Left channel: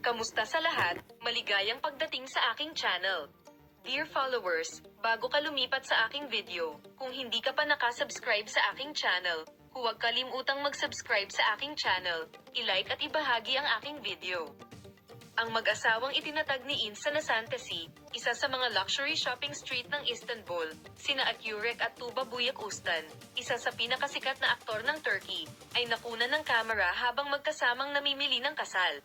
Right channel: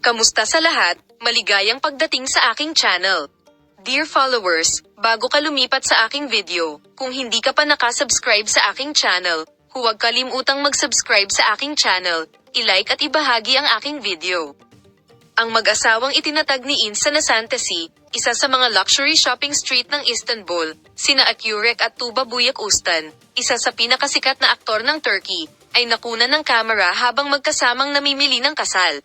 Kamusta sa lahat? Maligayang pagdating sa aking channel. Dear followers, bago ka lumipat sa aking video, kung hindi ka pa nakasubscribe sa aking channel, huwag kalimutang mag-subscribe sa aking channel, i-like at ibahagi ang aking video. Ang mag-asawang itinatag ni Insa Nasantasi, isa sa mga luxury shopping street ng Istanbul, sina Akyurek at Tuba Büyüküstün, isa sa pinakasikat na aktor ng Turkey, ay nakunan ng kamera habang magkasamang namimili ng kasal.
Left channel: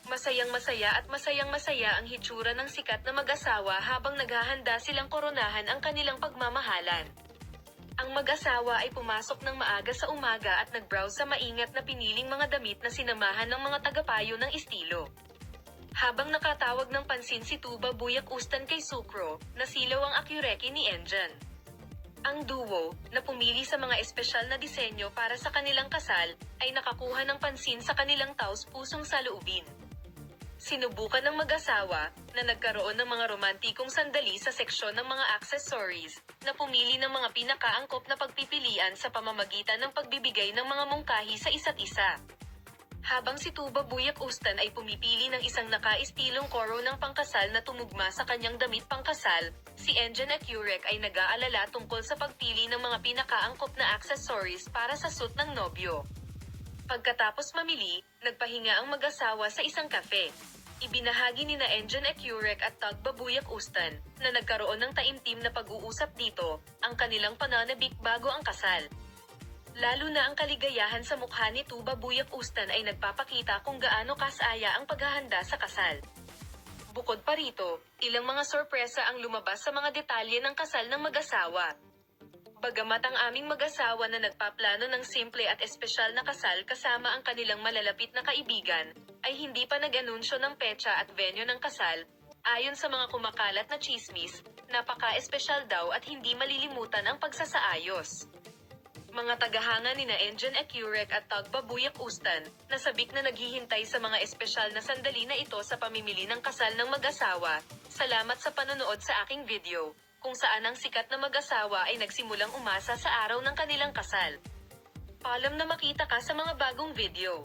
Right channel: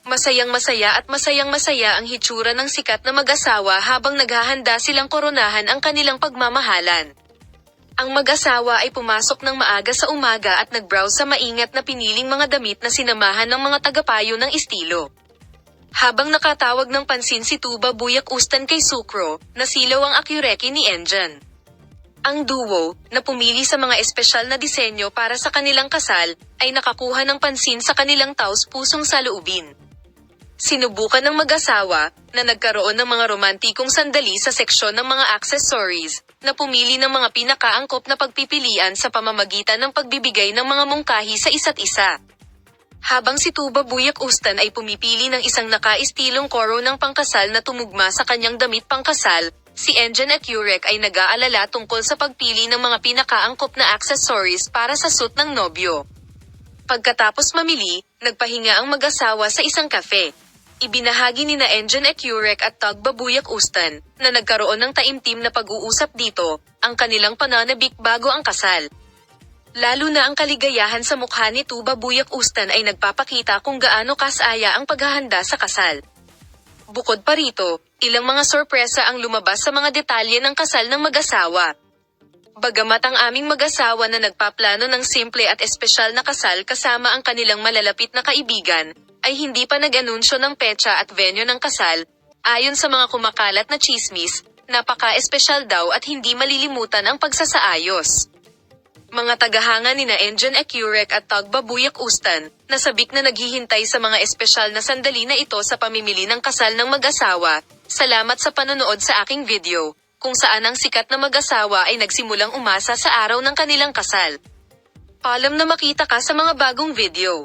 Masayang-masaya at masayang-masaya ang hitsura ng sikat na mag-asawa habang naghahanda silang koronahan ang kanilang pagmamahalan. Ang mag-asawa ay pumasok ng maaga sa umaga at nag-browse sa maingat na piniling mga damit na sinamahan ng mga tagapayo ng estilo. Habang nakatawag ng pansin si Tuba Büyüküstün kay Sukro, nasilaw ang Akyureki ni Engin. Ang duo, na pumili sa mga espesyal na disenyo para sa kanilang kasal, ay nakakuha ng pansin sa kanilang taos-pusong saloobin. Sinubukan ng mag-asawa, na nagkaroon ng mga romantikong sandali sa seksyon ng mga accessories, na pumili ng mga pinakaangkop na pagpipilian sa pamamagitan ng pagbibigay ng mga mungkahi sa isa't isa. Habang si Tuba Büyüküstün ay pumipili ng isang naka-istilong koro ng pangkasal na tumugma sa kanyang damit pangkasal, si Engin Akyurek ay nag-aalala tungkol sa pagpili ng mga pinakaangkop na accessories para sa suit ng nobyo. Pagkatapos mamili, nagpahinga ang mag-asawa sa isang cafe. Ibinahagi ni Engin Akyurek at Tuba Büyüküstün, na nagkaroon ng taimtim na pag-uusap dito, ang kanilang pananabik bago ang kasal. Lalo na ang kaligayahan sa mukha ni Tuba Büyüküstün ay nagpapakita kung gaano kasaya ang paghahanda sa kasal. Bukod pa rito, ilang mga sorpresa ang lumabas sa mga detalye ng kasal ng mag-asawa. Bagamat ang aming mag-asawa na nagpaplano ng simple at espesyal na kasal kasama ang kanilang malalapit na kaibigan, ay hindi pa nag-anunsyo ng petsa at venue ng kasal, ayon sa mga kumakalat na tsismis, napaka-espesyal daw at hindi malilimutan ang pagsasaayos. Mga tagahanga nina Engin Akyurek at Tuba Büyüküstün, nasabik na naghihintay sa mga espesyal na sandali na ito sa pamimili ng kasal ng mag-asawa. Salamat sa panonood sa aking video, kung saan ang sikat na mag-asawa ay nagsimulang umasa sa araw ng kanilang kasal. Paalam na makita ka sa mga bagong video.